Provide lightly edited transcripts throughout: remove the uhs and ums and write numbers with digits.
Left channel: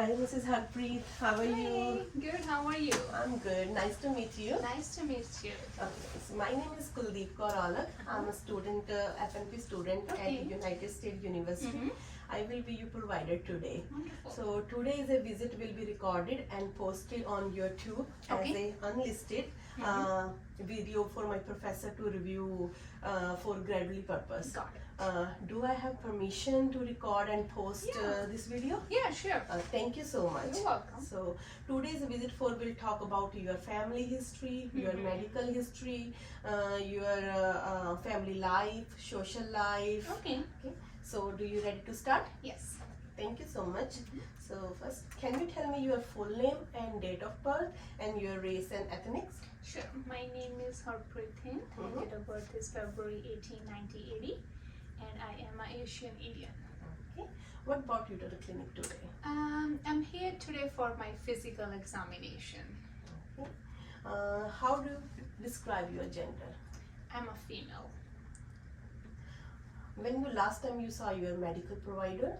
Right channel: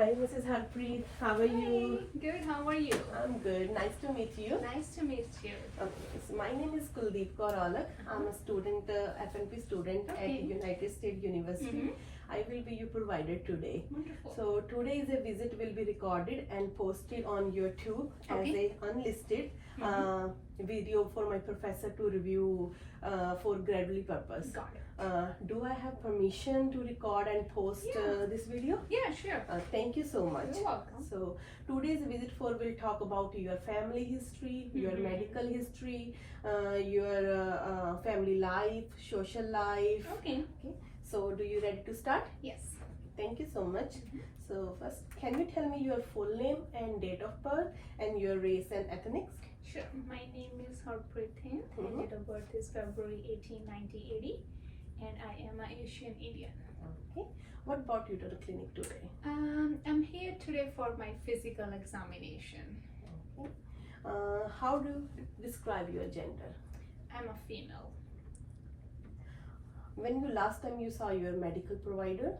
Hi, Mrs. Harpreet. How are you? Good, how are you? I'm good. Nice to meet you. Nice to meet you. Okay, so my name is Kuldeep Kaur Alak. I'm a student, FNP student Okay. at United States University. I will be your provider today. Wonderful. So today's a visit will be recorded and posted on YouTube as Okay. a unlisted video for my professor to review for gradually purpose. Got it. Do I have permission to record and post this video? Yeah, sure. Thank you so much. You're welcome. So today's visit for will talk about your family history, your medical history, your family life, social life. Okay. Okay. So do you ready to start? Yes. Thank you so much. So first, can you tell me your full name and date of birth and your race and ethnics? Sure. My name is Harpreet Singh. My date of birth is February 18, 1980, and I am an Asian Indian. Okay. What brought you to the clinic today? I'm here today for my physical examination. Okay. How do you describe your gender? I'm a female. When last time you saw your medical provider?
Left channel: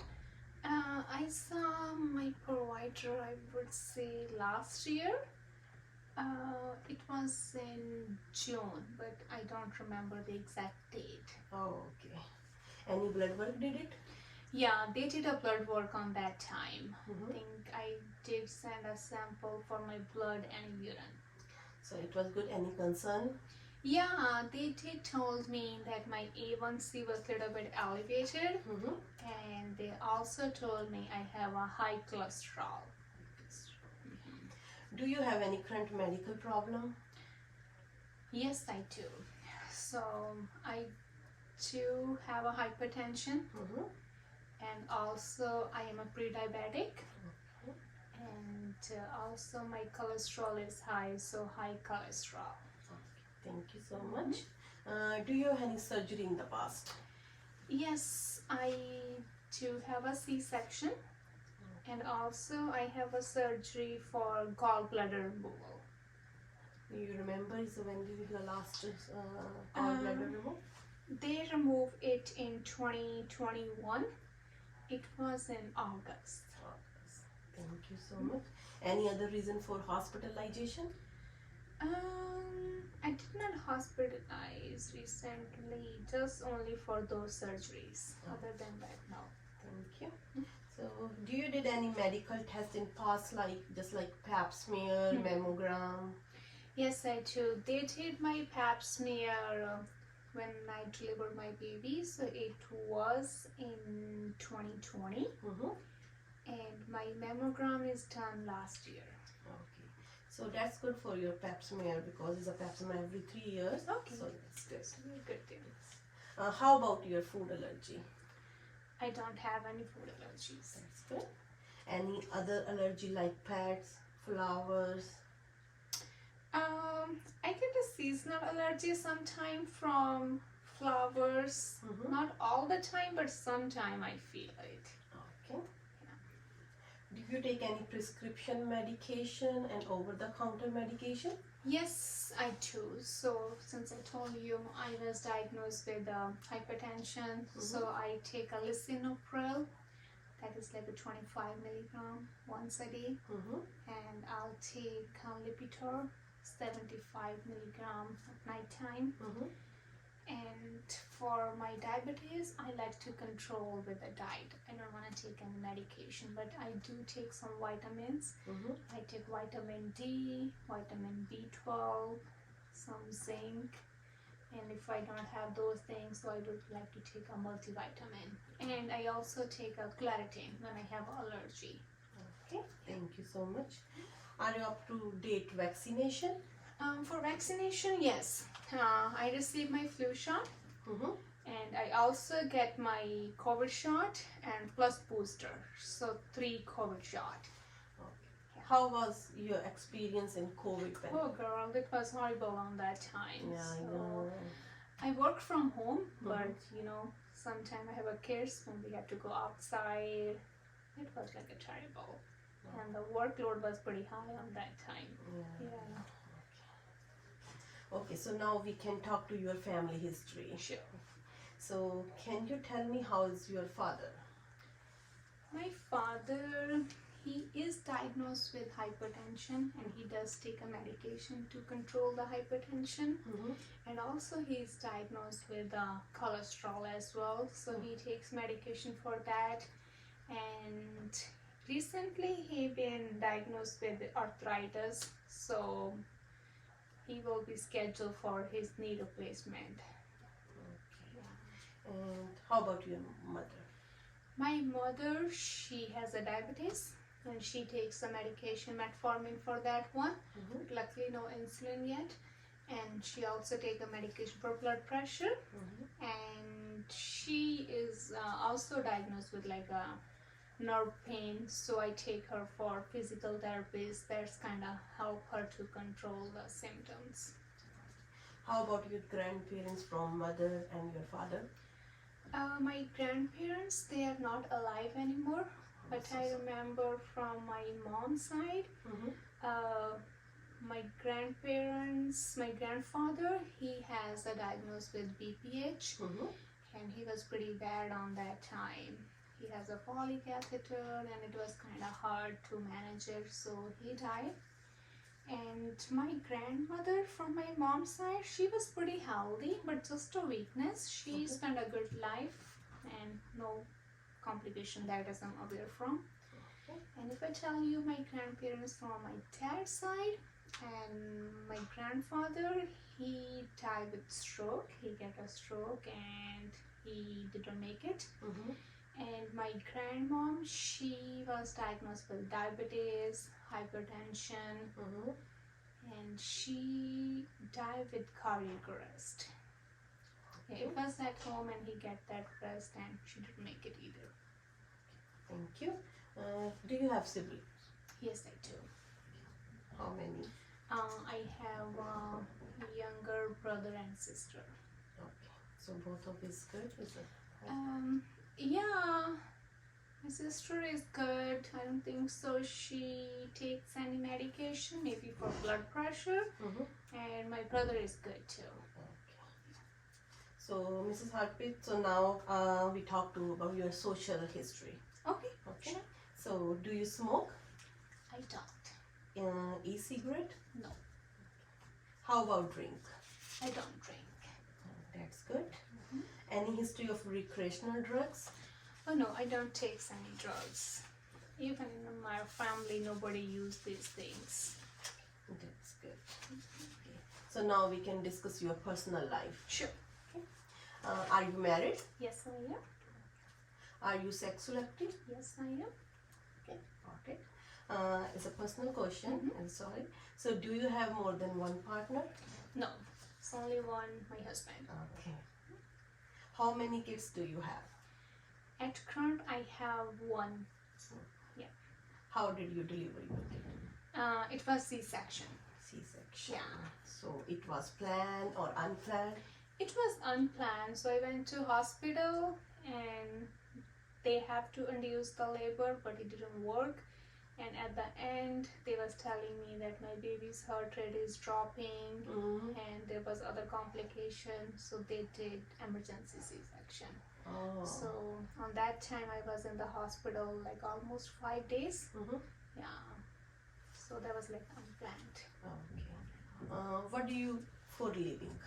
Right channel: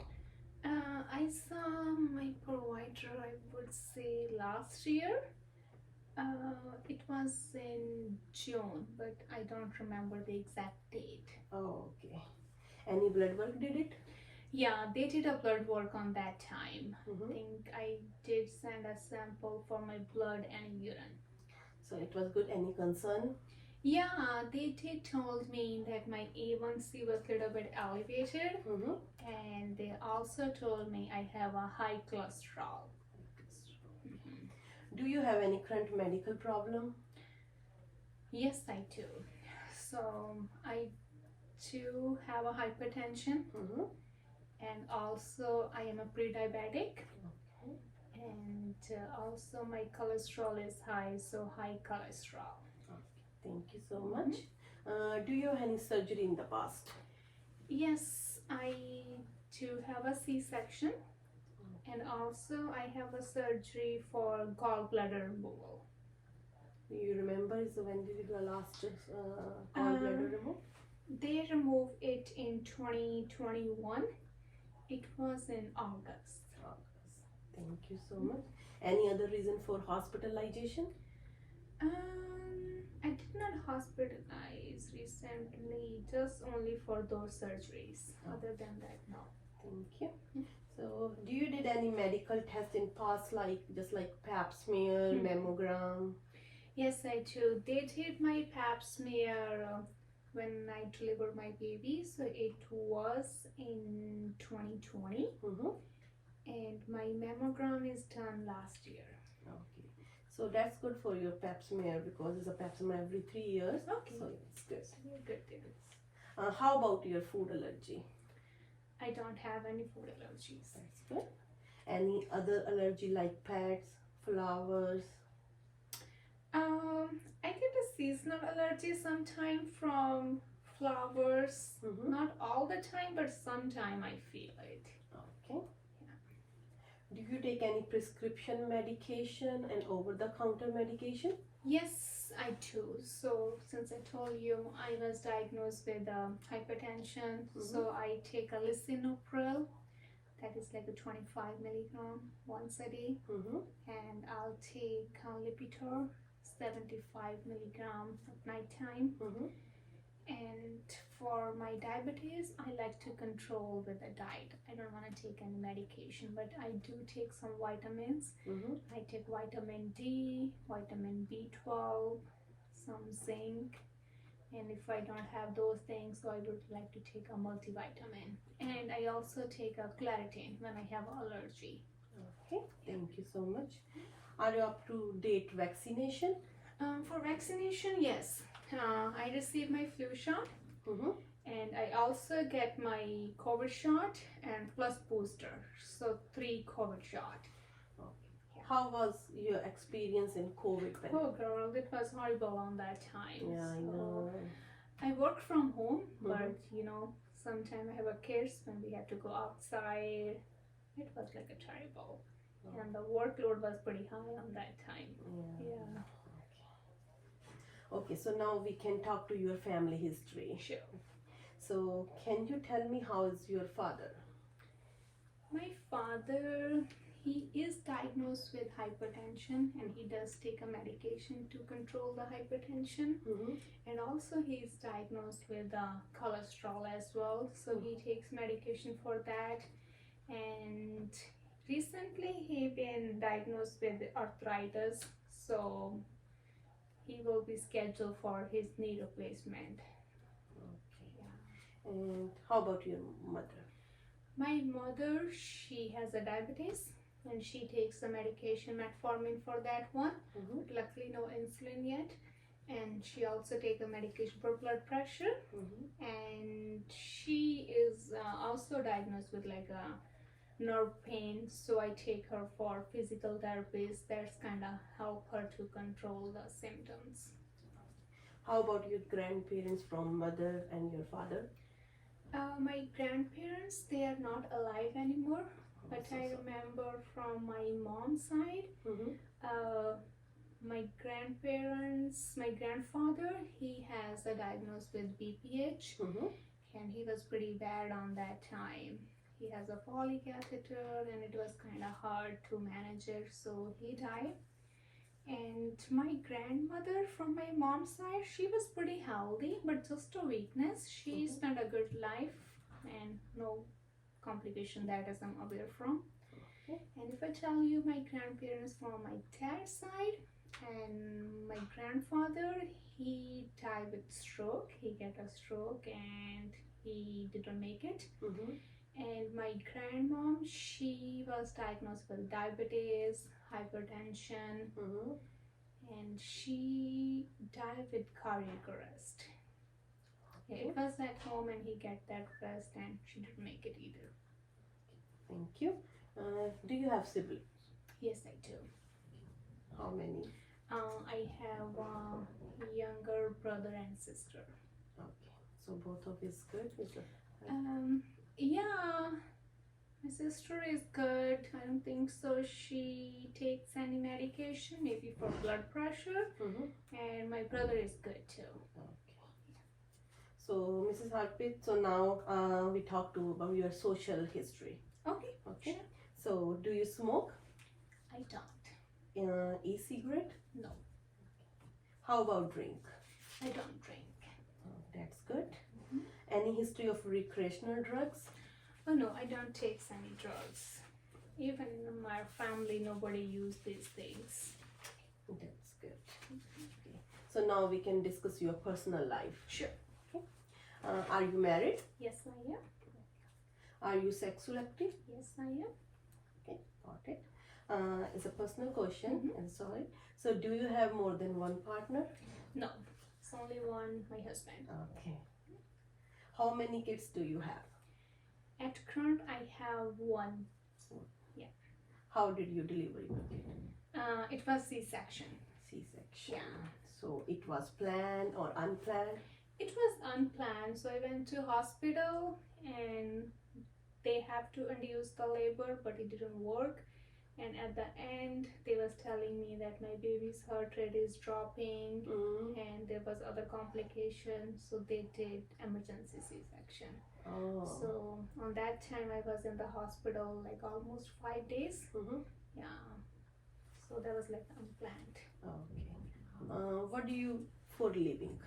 I saw my provider, I would say last year. It was in June, but I don't remember the exact date. Oh, okay. Any blood work did it? Yeah, they did a blood work on that time. I Mhm. think I did send a sample for my blood and urine. So it was good. Any concern? Yeah, they did told me that my A1C was a little bit elevated, and they also told me I have a high cholesterol. Do you have any current medical problem? Yes, I do. So I do have a hypertension, and also I am a pre-diabetic, and also my cholesterol is high, so high cholesterol. Thank you so much. Do you have any surgery in the past? Yes, I do have a C-section, and also I have a surgery for gallbladder removal. Do you remember? So when did you last gallbladder remove? They removed it in 2021. It was in August. Thank you so much. Any other reason for hospitalization? I did not hospitalize recently, just only for those surgeries. Other than that, no. Thank you. So, do you did any medical test in past, like just like pap smear, mammogram? Yes, I do. They did my pap smear when I delivered my baby, so it was in 2020, and my mammogram is done last year. Okay. So that's good for your pap smear because it's a pap smear every 3 years. Okay. So it's good. Very good things. How about your food allergy? I don't have any food allergies. That's good. Any other allergy like pets, flowers? I get a seasonal allergy sometime from flowers. Not all the time, but sometime I feel it. Okay. Do you take any prescription medication and over-the-counter medication? Yes, I do. So since I told you I was diagnosed with hypertension, so I take a lisinopril. That is like a 25 milligram once a day, and I'll take Lipitor 75 milligram at night time. And for my diabetes, I like to control with a diet. I don't want to take any medication, but I do take some vitamins. I take vitamin D, vitamin B12, some zinc, and if I don't have those things, so I would like to take a multivitamin. And I also take a Claritin when I have allergy. Okay, thank you so much. Are you up to date vaccination? For vaccination, yes. I received my flu shot, and I also get my COVID shot and plus booster, so 3 COVID shot. Okay. How was your experience in COVID pandemic? Oh girl, it was horrible on that time. Yeah, I know. I work from home, but you know, sometimes I have a kids when we have to go outside. It was like a terrible, and the workload was pretty high on that time. Yeah. Okay, so now we can talk to your family history. Sure. So, can you tell me how is your father? My father, he is diagnosed with hypertension and he does take a medication to control the hypertension. And also he's diagnosed with cholesterol as well, so he takes medication for that. And recently he been diagnosed with arthritis, so he will be scheduled for his knee replacement. Okay. And how about your mother? My mother, she has a diabetes and she takes a medication, metformin for that one. Luckily no insulin yet. And she also take a medication for blood pressure. And she is also diagnosed with like a nerve pain, so I take her for physical therapies. That's kind of help her to control the symptoms. How about your grandparents from mother and your father? My grandparents, they are not alive anymore, but so I sorry. remember from my mom's side, my grandparents, my grandfather, he has a diagnosis with BPH, and he was pretty bad on that time. He has a poly catheter and it was kind of hard to manage it, so he died. And my grandmother from my mom's side, she was pretty healthy, but just a weakness. She spent a good life and no complication that as I'm aware from. And if I tell you my grandparents from my dad's side, and my grandfather, he died with stroke. He got a stroke and he didn't make it. And my grandmom, she was diagnosed with diabetes, hypertension, and she died with cardiac arrest. Yeah, it was at home and he got that arrest and she didn't make it either. Thank you. Do you have siblings? Yes, I do. How many? I have a younger brother and sister. Okay. So both of is good, is it? Yeah, my sister is good. I don't think so. She takes any medication, maybe for blood pressure. And my brother is good too. Okay. So, Mrs. Harpreet, so now we talk about your social history. Okay. Okay. Sure. So, do you smoke? I don't. E-cigarette? No. How about drink? I don't drink. That's good. Any history of recreational drugs? Oh no, I don't take any drugs. Even in my family, nobody used these things. That's good. Okay. So now we can discuss your personal life. Sure. Okay. Are you married? Yes, I am. Are you sexual active? Yes, I am. Okay, got it. It's a personal question. I'm sorry. So, do you have more than one partner? No, it's only one, my husband. Okay. How many kids do you have? At current, I have one. Yeah. How did you deliver your kid? It was C-section. C-section. Yeah. So, it was planned or unplanned? It was unplanned, so I went to hospital and they have to induce the labor, but it didn't work. And at the end, they was telling me that my baby's heart rate is dropping and there was other complications, so they did emergency C-section. Oh. So on that time, I was in the hospital like almost 5 days. Yeah. So that was like unplanned. Okay. What do you for living?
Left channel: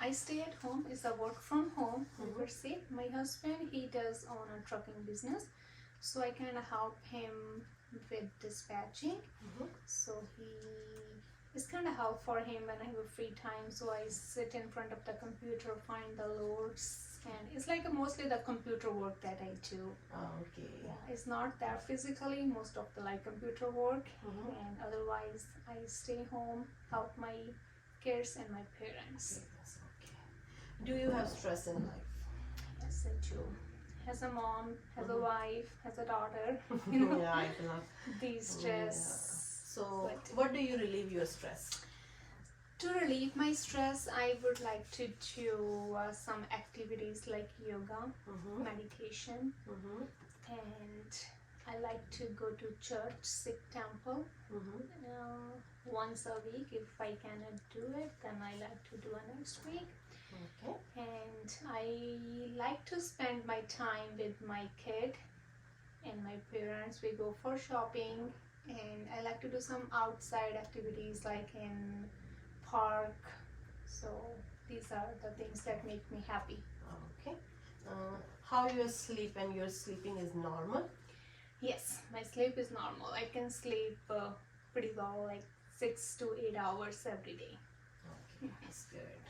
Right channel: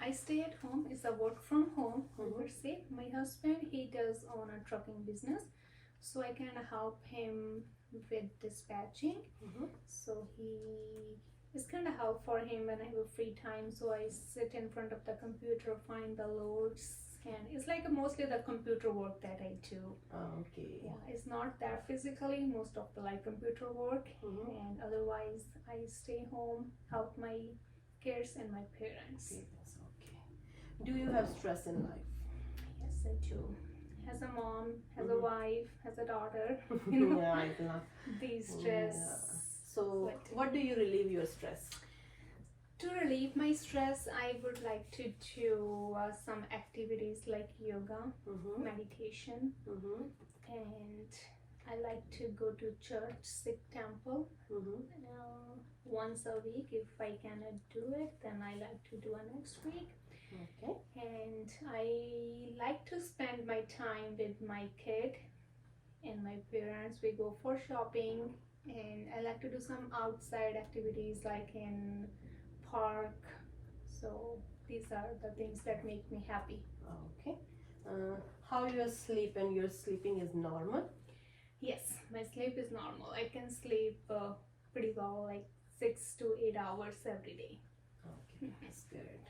I stay at home. It's a work from home. Per se. My husband, he does own a trucking business, so I kind of help him with dispatching. So it's kind of help for him when I have a free time. So I sit in front of the computer, find the loads, and it's like mostly the computer work that I do. Okay. Yeah, it's not that physically, most of the like computer work, and otherwise I stay home, help my kids and my parents. Yes, okay. Do you have stress in life? Yes, I do. As a mom, as a wife, as a daughter, Yeah, I can. these stress. Yeah. So, what do you relieve your stress? To relieve my stress, I would like to do some activities like yoga, meditation, and I like to go to church, Sikh temple, once a week. If I cannot do it, then I like to do it next week. Okay. And I like to spend my time with my kid and my parents, we go for shopping, and I like to do some outside activities like in park. So these are the things that make me happy. Okay. How you sleep and your sleeping is normal? Yes, my sleep is normal. I can sleep pretty well, like 6 to 8 hours every day. Okay, that's good.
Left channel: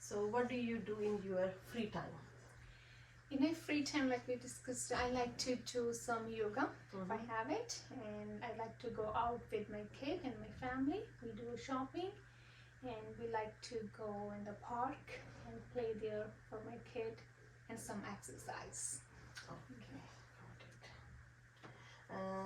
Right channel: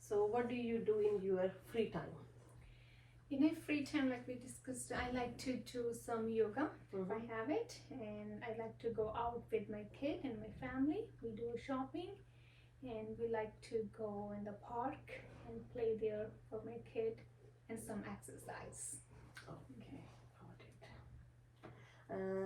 So what do you do in your free time? In my free time, like we discussed, I like to do some yoga if I have it, and I like to go out with my kid and my family. We do shopping, and we like to go in the park and play there for my kid and some exercise. Okay, got it.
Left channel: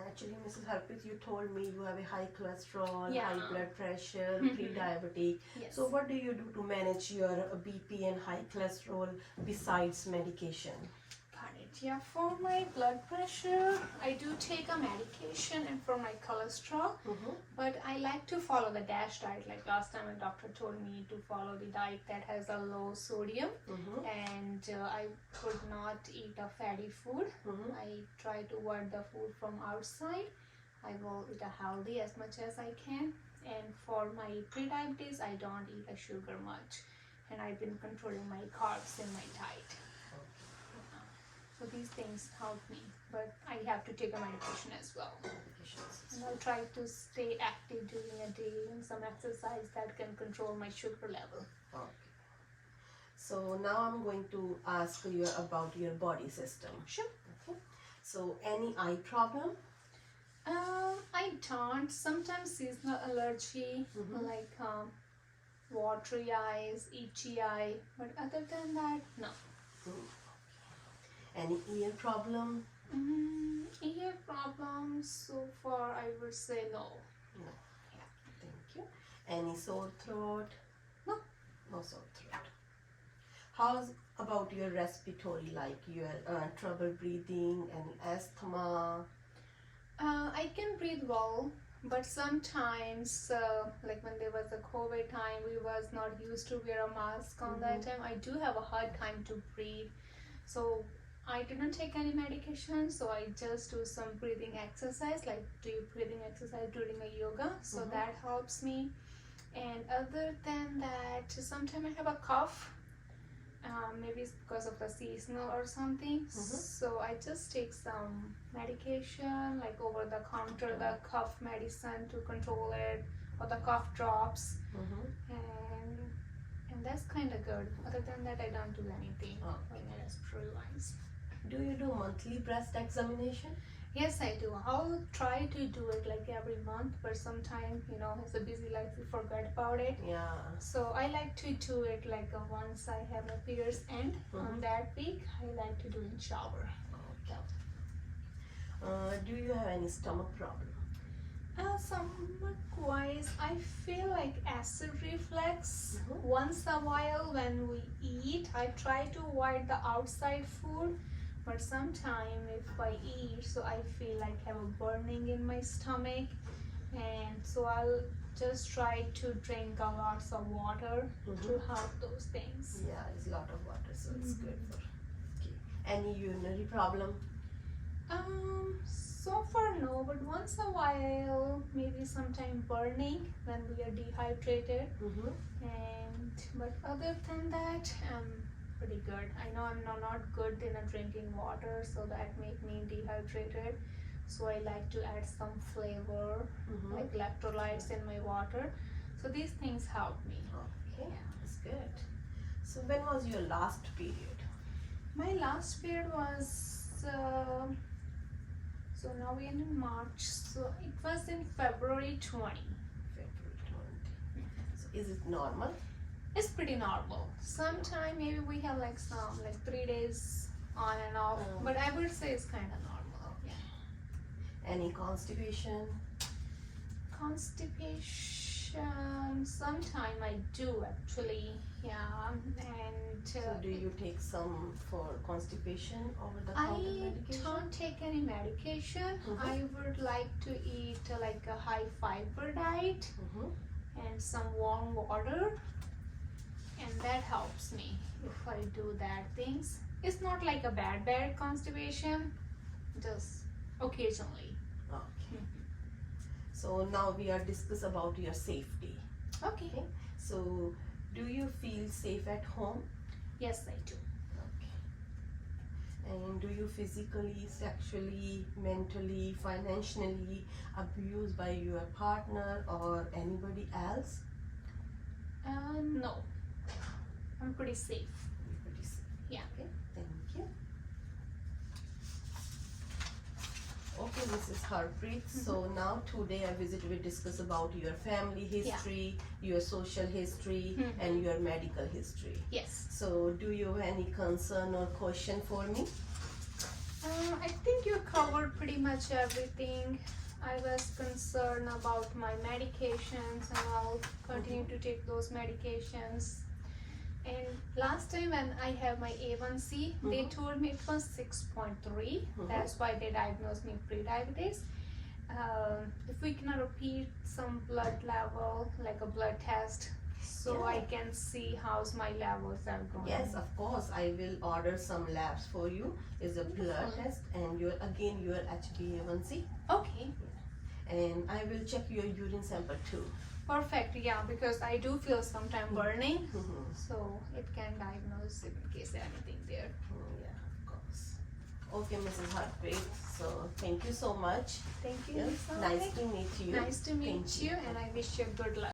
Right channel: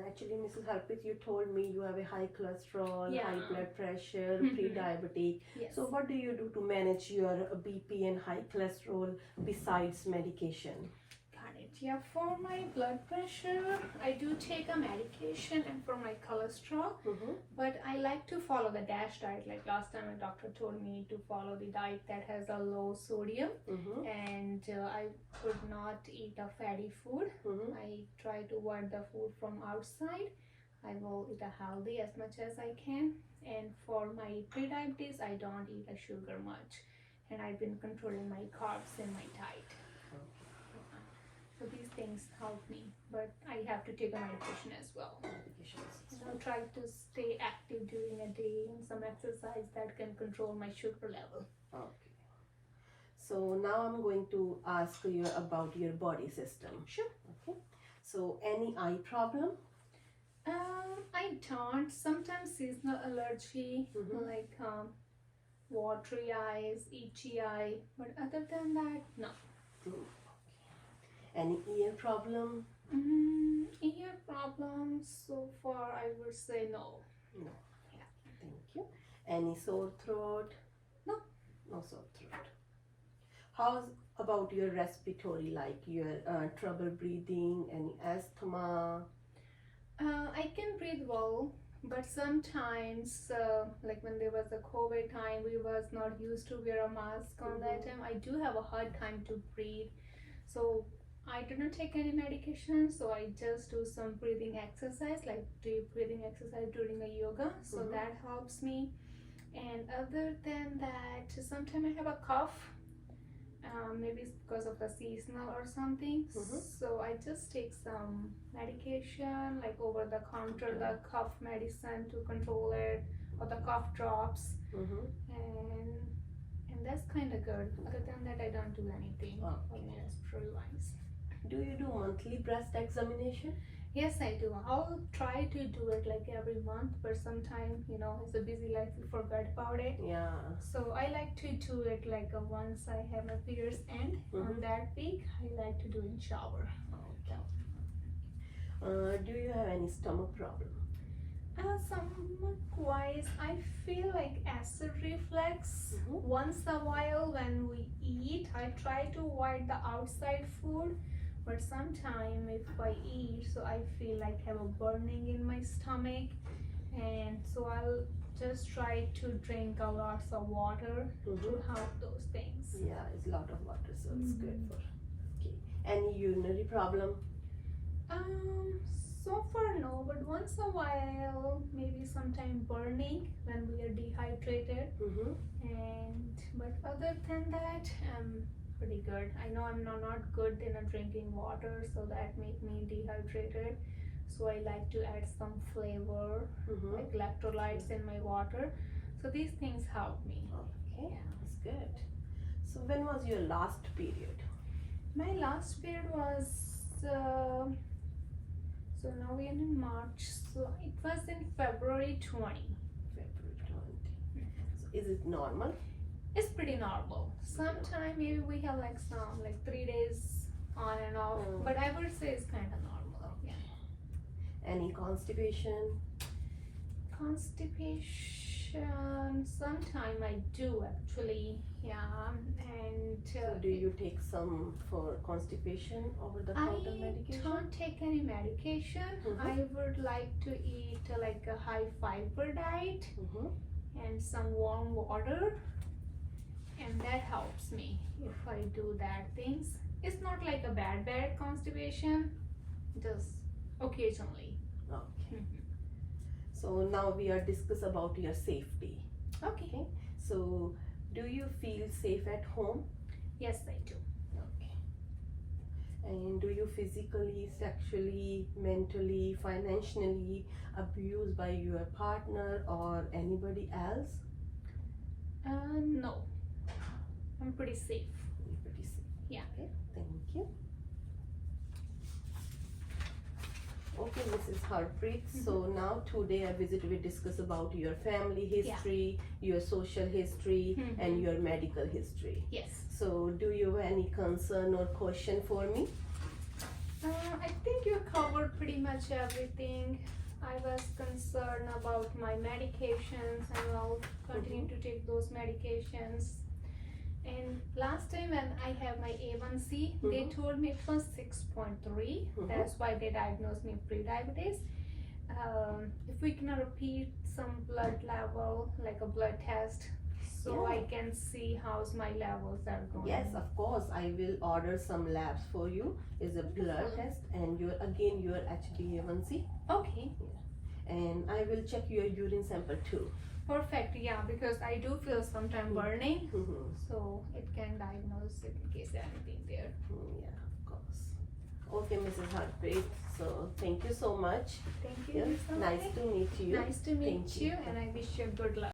Actually, Mrs. Harpreet, you told me you have a high cholesterol, Yeah. high blood pressure, Mhm. pre-diabetic. Yes. So what do you do to manage your BP and high cholesterol besides medication? Got it. Yeah, for my blood pressure, I do take a medication, and for my cholesterol, Mm-hmm. but I like to follow the DASH diet. Like last time, a doctor told me to follow the diet that has a low sodium, Mm-hmm. and I would not eat a fatty food. Mm-hmm. I try to avoid the food from outside. I will eat a healthy as much as I can. And for my pre-diabetes, I don't eat a sugar much, and I've been controlling my carbs in my diet. So these things help me, but I have to take a medication as well. And I'll try to stay active during a day and some exercise that can control my sugar level. Okay. So now I'm going to ask you about your body system. Sure. Okay. So any eye problem? I don't. Sometimes seasonal allergy, Mhm. like watery eyes, itchy eye, but other than that, no. Any ear problem? Ear problems, so far I would say no. No. Thank you. Any sore throat? No. No sore throat. How's about your respiratory, like your trouble breathing, any asthma? I can breathe well, but sometimes, like when there was a COVID time, we was not used to wear a mask on that time. I do have a hard time to breathe, so I didn't take any medication. So I just do some breathing exercise, like deep breathing exercise during a yoga. So that helps me. And other than that, sometimes I have a cough. Maybe it's because of the seasonal or something. So I just take some medication, like over the counter, the cough medicine to control it, or the cough drops, and that's kind of good. Other than that, I don't do anything like respiratory wise. Do you do monthly breast examination? Yes, I do. I'll try to do it like every month, but sometimes, it's a busy life, we forget about it. Yeah. So I like to do it like once I have my period's end on that week. I like to do in shower. Okay. Do you have any stomach problem? Stomach wise, I feel like acid reflux. Once a while when we eat, I try to avoid the outside food. But sometimes if I eat, so I feel like I have a burning in my stomach, and so I'll just try to drink a lots of water to help those things. Yeah, it's a lot of water, so it's good for. Okay. Any urinary problem? So far no, but once a while, maybe sometime burning when we are dehydrated. But other than that, I'm pretty good. I know I'm not good in drinking water, so that make me dehydrated. So I like to add some flavor, like electrolytes in my water. So these things help me. Okay, that's good. So when was your last period? My last period was, so now we're in March, so it was in February 20. February 20. So is it normal? It's pretty normal. Sometime maybe we have like 3 days on and off, but I would say it's kind of normal. Yeah. Any constipation? Constipation, sometime I do actually, yeah. And So do you take some for constipation over the I counter medication? don't take any medication. I would like to eat like a high fiber diet and some warm water, and that helps me if I do that things. It's not like a bad constipation, just occasionally. Okay. So now we are discuss about your safety. Okay. So do you feel safe at home? Yes, I do. Okay. And do you physically, sexually, mentally, financially abused by your partner or anybody else? No. I'm pretty safe. You're pretty safe. Yeah. Okay. Thank you. Okay, Mrs. Harpreet. So now today I will discuss about your family history, your social history, and your medical history. Yes. So do you have any concern or question for me? I think you covered pretty much everything. I was concerned about my medications, and I'll continue to take those medications. And last time when I have my A1C, they told me it was 6.3. That's why they diagnosed me pre-diabetes. If we can repeat some blood level, like a blood test, so I can see how's my levels are going. Yes, of course. I will order some labs for you. Is a blood test and your HbA1c. Okay. And I will check your urine sample too. Perfect. Yeah, because I do feel sometimes burning, so it can diagnose in case anything there. Yeah, of course. Okay, Mrs. Harpreet. So thank you so much. Thank you. Yes, nice to meet you. Nice to meet Thank you, you. and I wish you good luck.